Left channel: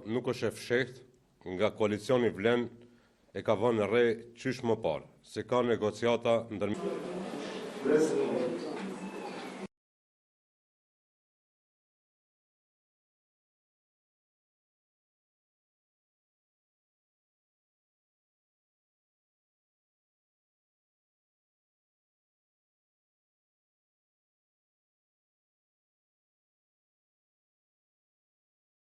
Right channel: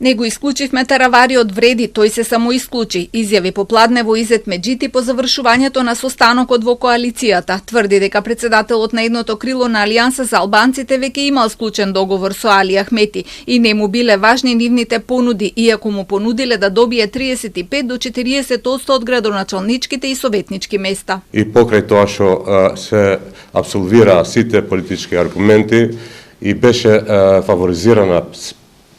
Не го исклучивме Таравари од вреди, тој се самоисклучи, изјави попладнево Изет Меджити по завршувањето на состанокот во коалицијата. Тврди дека председателот на едното крило на Алијанса за албанците веќе имал склучен договор со Али Ахмети и не му биле важни нивните понуди, иако му понудиле да добие 35 до 40% од градоначалничките и советнички места. И покрај тоа што се абсолвира сите политички аргументи и беше фаворизирана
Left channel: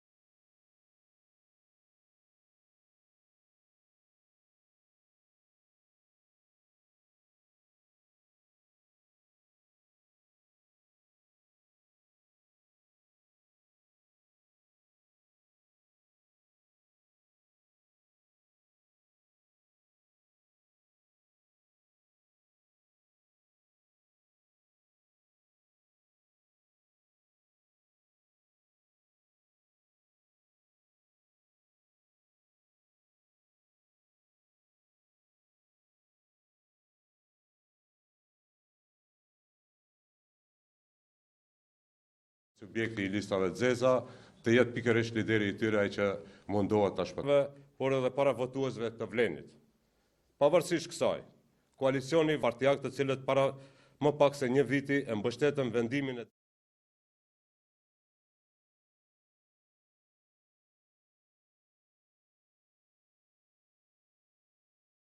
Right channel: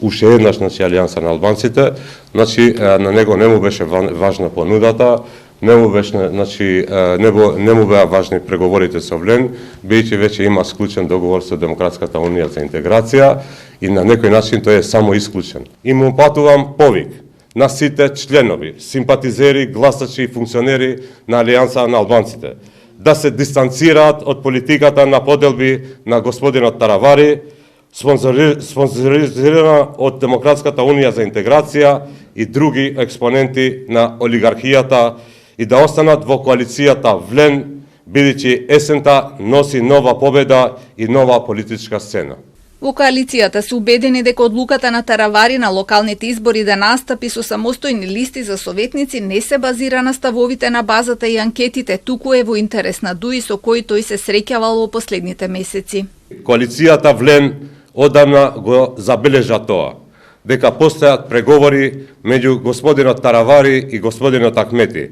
уште еднаш Алијанса на албанците, на него не му беше важна понудата, не му беа важни преговорите со Влен, бидејќи веќе има склучен договор со Демократската унија за интеграција и на некој начин тој е само исклучен. И му патувам повик на сите членови, симпатизери, гласачи и функционери на Алијанса на албанците да се дистанцираат од политиката на поделби на господинот Таравари, спонзоризирана од Демократската унија за интеграција и други експоненти на олигархијата и да останат во коалицијата Влен, бидејќи есента носи нова победа и нова политичка сцена. Во коалицијата се убедени дека одлуката на Таравари на локалните избори да настапи со самостојни листи за советници не се базира на ставовите на базата и анкетите, туку е во интерес на ДУИ со кој тој се среќавал во последните месеци. Коалицијата Влен одамна го забележа тоа, дека постојат преговори меѓу господинот Таравари и господинот Ахмети,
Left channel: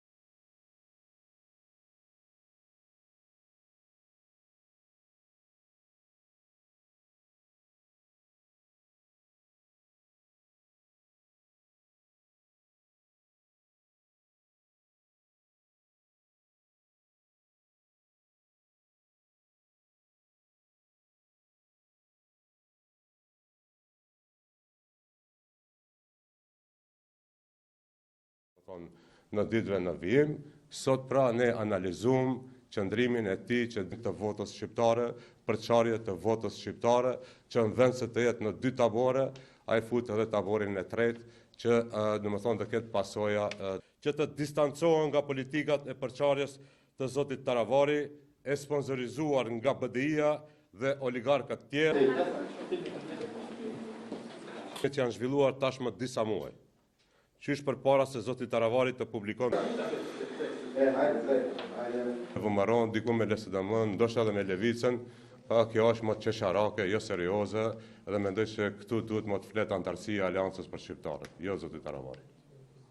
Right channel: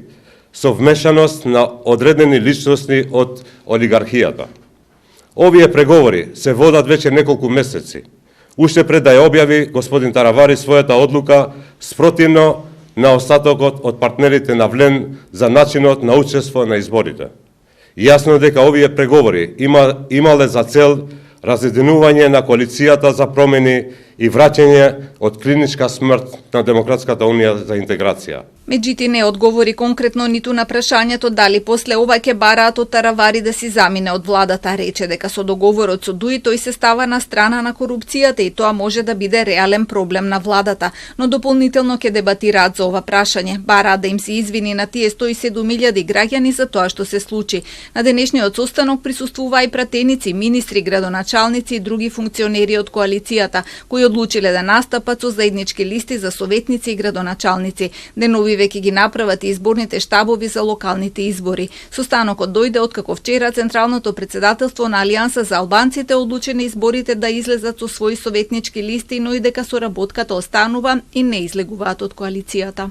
со вмешаност на одредени личности од олигархијата. Овие преговори се водат веќе неколку месеци, уште пред да ја објави господин Таравари својата одлука спротивно на остатокот од партнерите на Влен за начинот на учество на изборите. Јасно дека овие преговори имале за цел разединување на коалицијата за промени и враќање од клиничка смрт на Демократската унија за интеграција. Меджити не одговори конкретно ниту на прашањето дали после ова ќе бараат од Таравари да си замине од владата. Рече дека со договорот со ДУИ тој се става на страна на корупцијата и тоа може да биде реален проблем на владата, но дополнително ќе дебатираат за ова прашање. Бараат да им се извини на тие 107.000 граѓани за тоа што се случи. На денешниот состанок присуствуваа и пратеници, министри, градоначалници и други функционери од коалицијата, кои одлучиле да настапат со заеднички листи за советници и градоначалници. Денови веќе ги направат и изборните штабови за локалните избори. Состанокот дојде откако вчера Централното председателство на Алијанса за албанците одлучи на изборите да излезат со своји советнички листи, но и дека соработката останува и не излегуваат од коалицијата.